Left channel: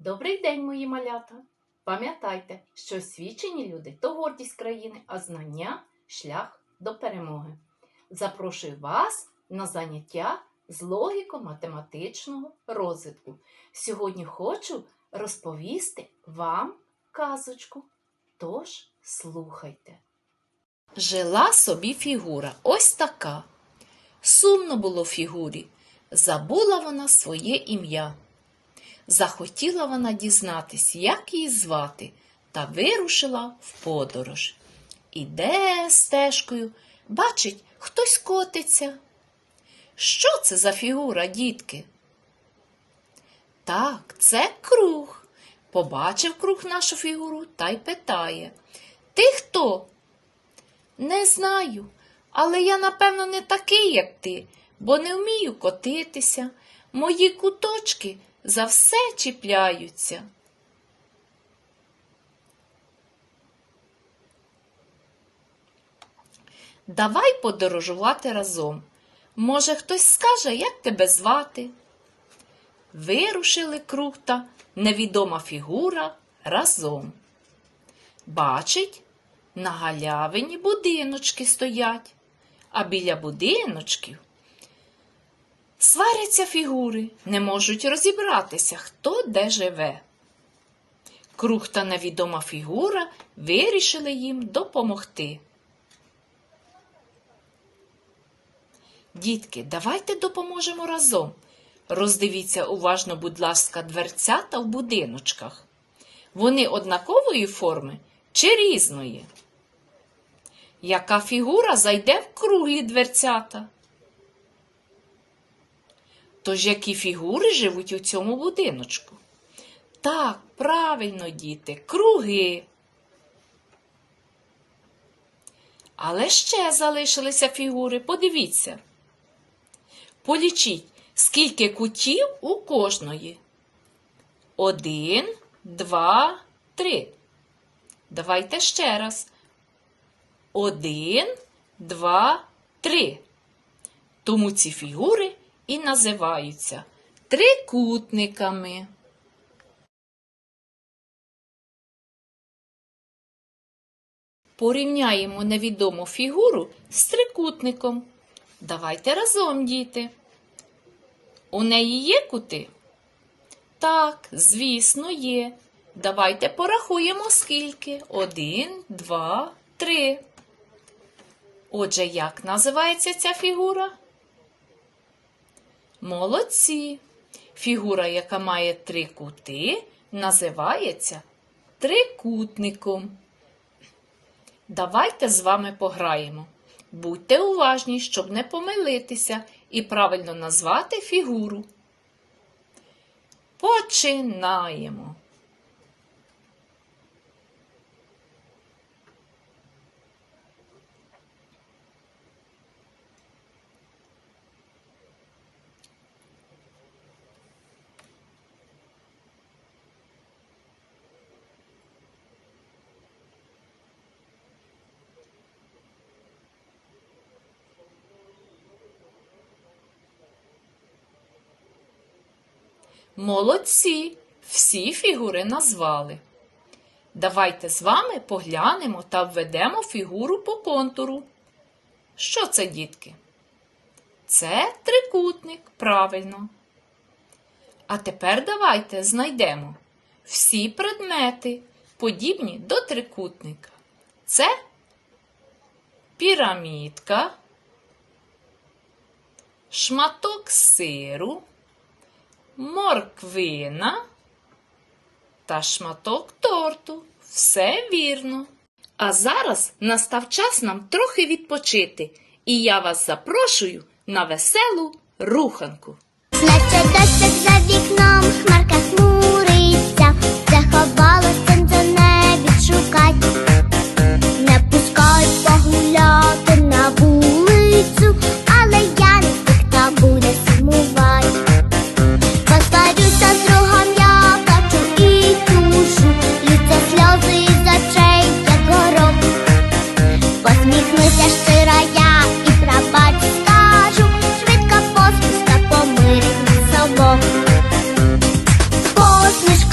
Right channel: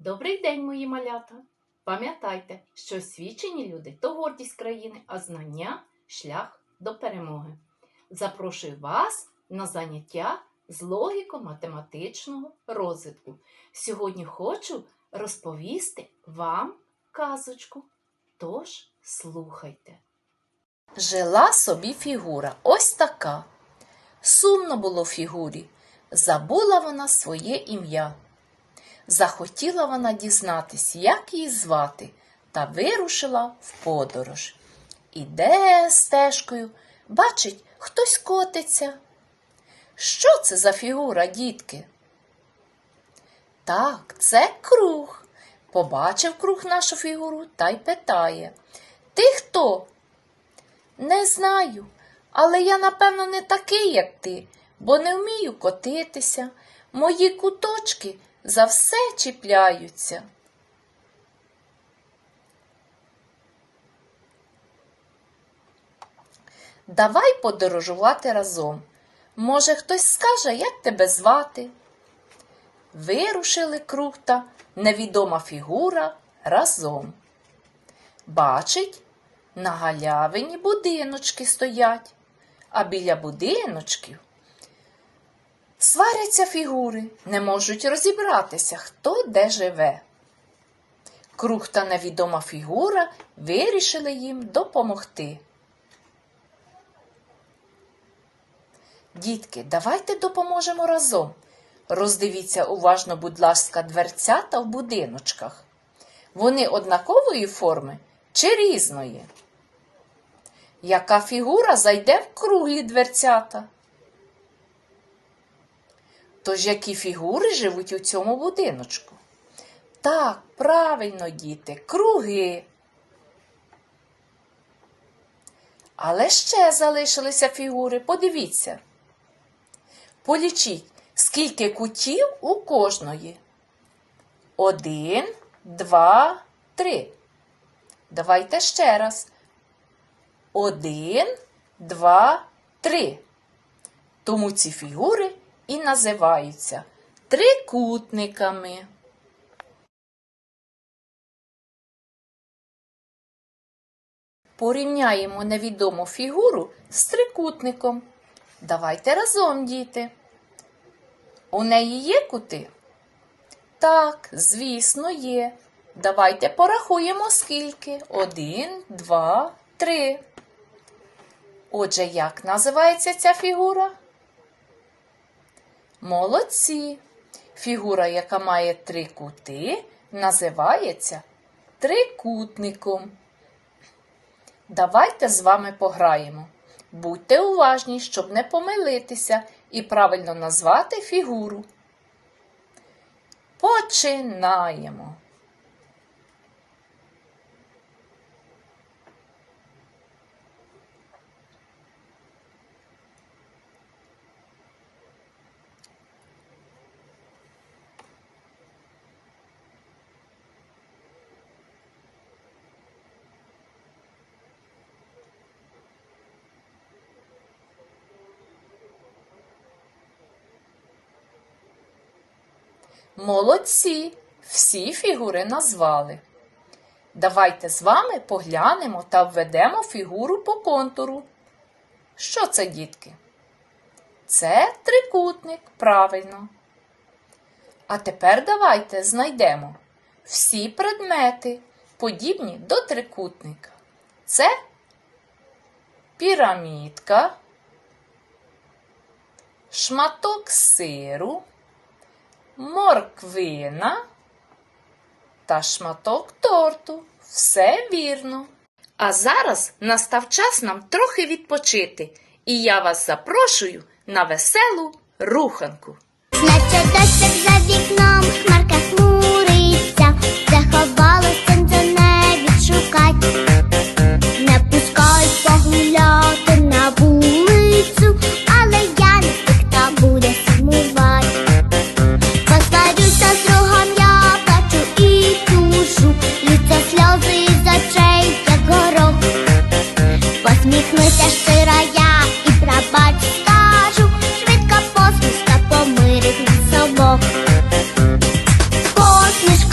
Добрий день, мої малята! Пам'ятайте, що освічені люди то гордість країни, а знання шлях до перемоги. Запрошую вас на заняття з логіко-математичного розвитку. Сьогодні хочу розповісти вам казочку. Тож слухайте. Жила собі фігура ось така. Сумно було фігурі. Забула вона своє ім'я. Захотіла вона дізнатись, як її звати, та вирушила в подорож. Іде стежкою, бачить, хтось котиться. Що це за фігура, дітки? Так, це круг. Побачив круг нашу фігуру та й питає Ти хто? Не знаю, але я, напевно, не такий, як ти, бо не вмію котитися. Мої куточки за все чіпляються. Давай подорожувати разом. Може, хтось скаже, як тебе звати? Вирушили круг та невідома фігура разом. Бачить, на галявині будиночки стоять, а біля будиночків Сваряться фігури, не можуть розібратися, хто де живе. Круг та невідома фігура вирішили їм допомогти. Дітки, давайте допоможемо разом. Роздивіться уважно, будь ласка, дверцята в будиночках. Вони однакової форми чи різної? Яка фігура зайде в круглі дверцята? Тож які фігури живуть у цьому будиночку? Так, правильно, діти, круги. Але ще залишилися фігури, подивіться. Полічіть, скільки кутів у кожної. Один, два, три. Давайте ще раз. Один, два, три. Тому ці фігури і називаються трикутниками. Порівняємо невідому фігуру з трикутником. Давайте разом, діти. У неї є кути? Так, звісно, є. Давайте порахуємо скільки. Один, два, три. Отже, як називається ця фігура? Молодці. Фігура, яка має три кути, називається трикутником. Давайте з вами пограємо. Будьте уважні, щоб не помилитися і правильно назвати фігуру. Починаємо. Молодці! Всі фігури назвали. Давайте з вами поглянемо та введемо фігуру по контуру. Що це, дітки? Це трикутник, правильно. А тепер давайте знайдемо всі предмети, подібні до трикутника. Це пірамідка, шматок сиру морквина та шматок торту. Все вірно. А зараз настав час нам трохи відпочити, і я вас запрошую на веселу руханку. Наче дощик за вікном,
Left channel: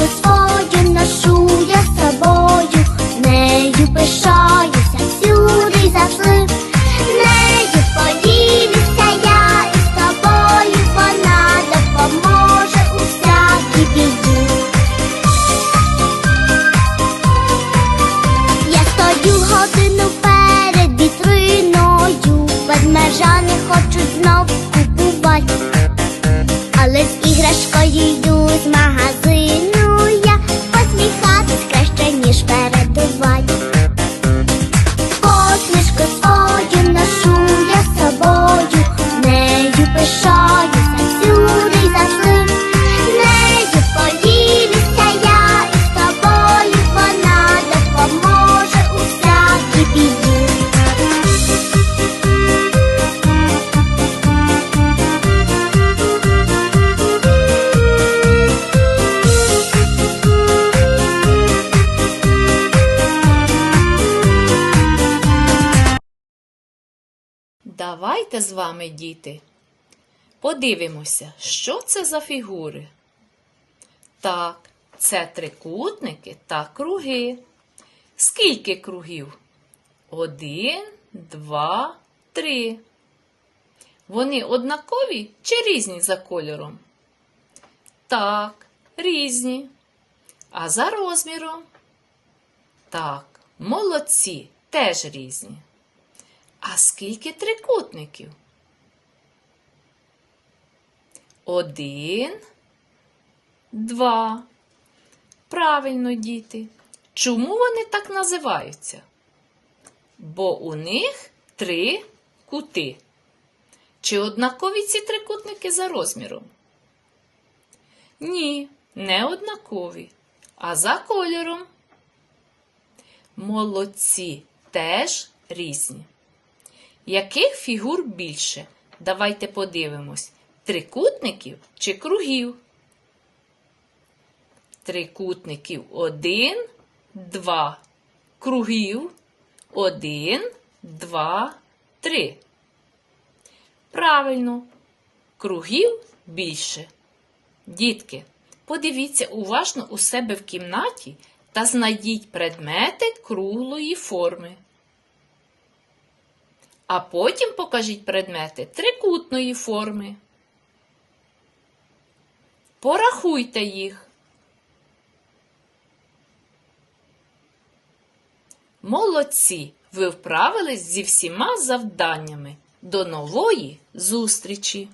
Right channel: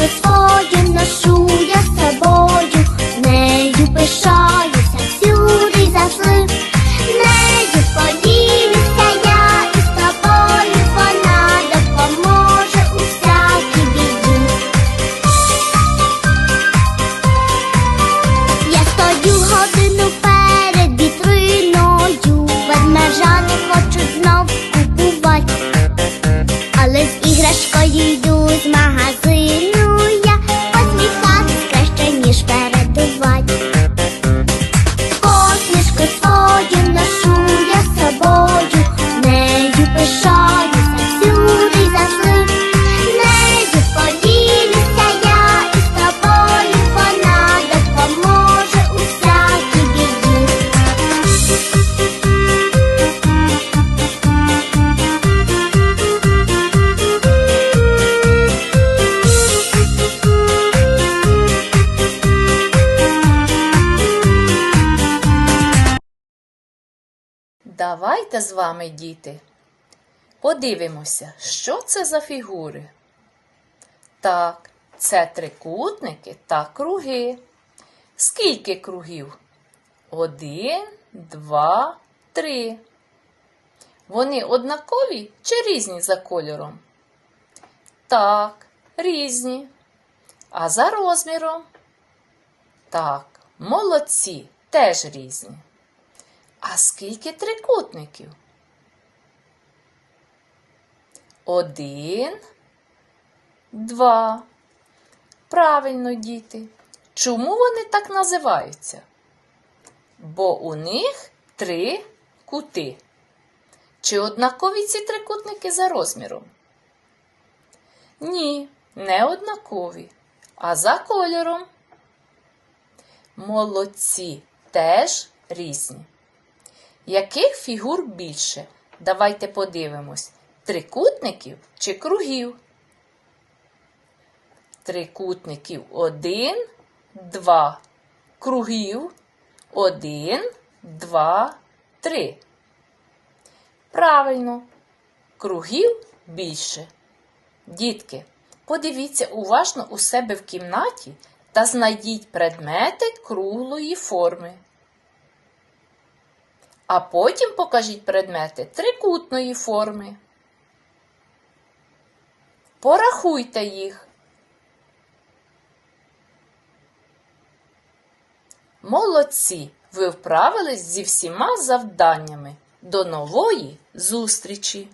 Господь ношу я з собою, нею пишаюся всюди й завжди. нею поділюся я із тобою, вона допоможе у всякій біді. Я стою годину перед вітриною, ведмежа не хочу знов купувати, але з іграшкою йду з магазину посміхатись краще, ніж передувати. Посмішку свою ношу я з собою, нею пишаюся Давайте з вами, діти, подивимося, що це за фігури. Так, це трикутники та круги. Скільки кругів? Один, два, три. Вони однакові чи різні за кольором? Так, різні. А за розміром? Так, молодці, теж різні. А скільки трикутників? Один, два. Правильно, діти. Чому вони так називаються? Бо у них три кути. Чи однакові ці трикутники за розміром? Ні, не однакові. А за кольором? Молодці теж різні. Яких фігур більше? Давайте подивимось. Трикутників чи кругів? Трикутників один, два. Кругів один, два, три. Правильно, кругів більше. Дітки, подивіться уважно у себе в кімнаті та знайдіть предмети круглої форми. А потім покажіть предмети трикутної форми. Порахуйте їх. Молодці! Ви вправились зі всіма завданнями. До нової зустрічі!